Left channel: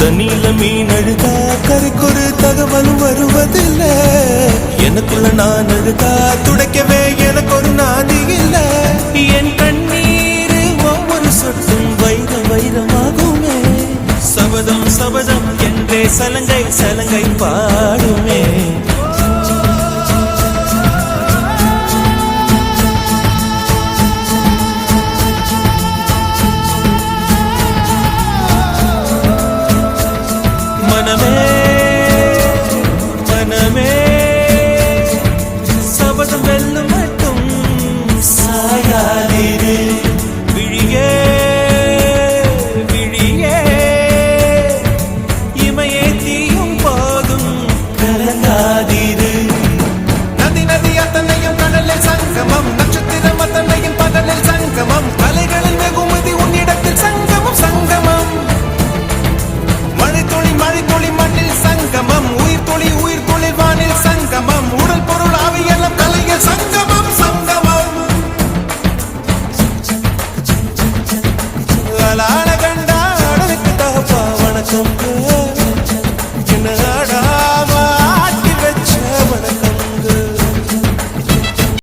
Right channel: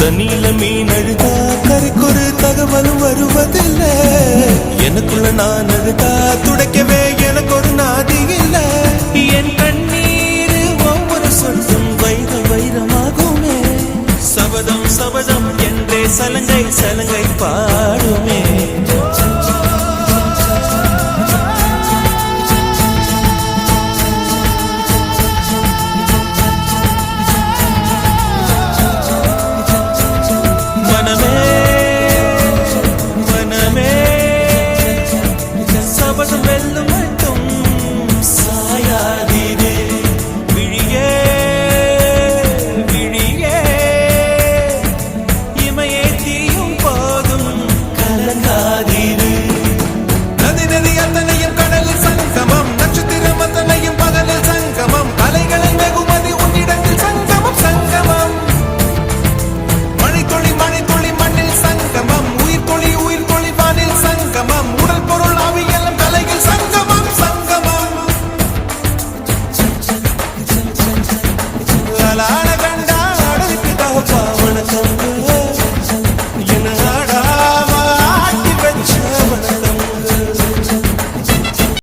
தண்ணியில மீன் அழுதா கரைக்கொரு தகவலும் வருவதில்ல. எனக்குள்ள நான் அழுதா துடைக்கவே எனக்கு ஒரு நாதி இல்ல. என் கண்ணீர் ஒவ்வொரு சொட்டும் வைரம் வைரமாகுமே. சபதம் சபதம் என்றே சலங்கை சலங்கை பாடுமே. மனமே மனமே சபதம் வெல்லும் மட்டும் சாயாதீரே. விழியே விழியே இமையே தீயும் போதும் கலங்காதீரே. நதி நதி அத்தனையும் கடலில் சங்கமம், நட்சத்திரம் அத்தனையும் பகலில் சங்கமம், அலைகளின் வெகுமதி உன்னிடத்தில் சங்கமம் சங்கமம். மழைத்துளி மழைத்துளி மண்ணில் சங்கமம், உயிர் துளி உயிர் துளி வானில் சங்கமம், உடல் பொருள் ஆவியலும் தலையில் சங்கமம் சங்கமம். அலான கண்டா அடலுக்கு தகப்பா வணக்கம்.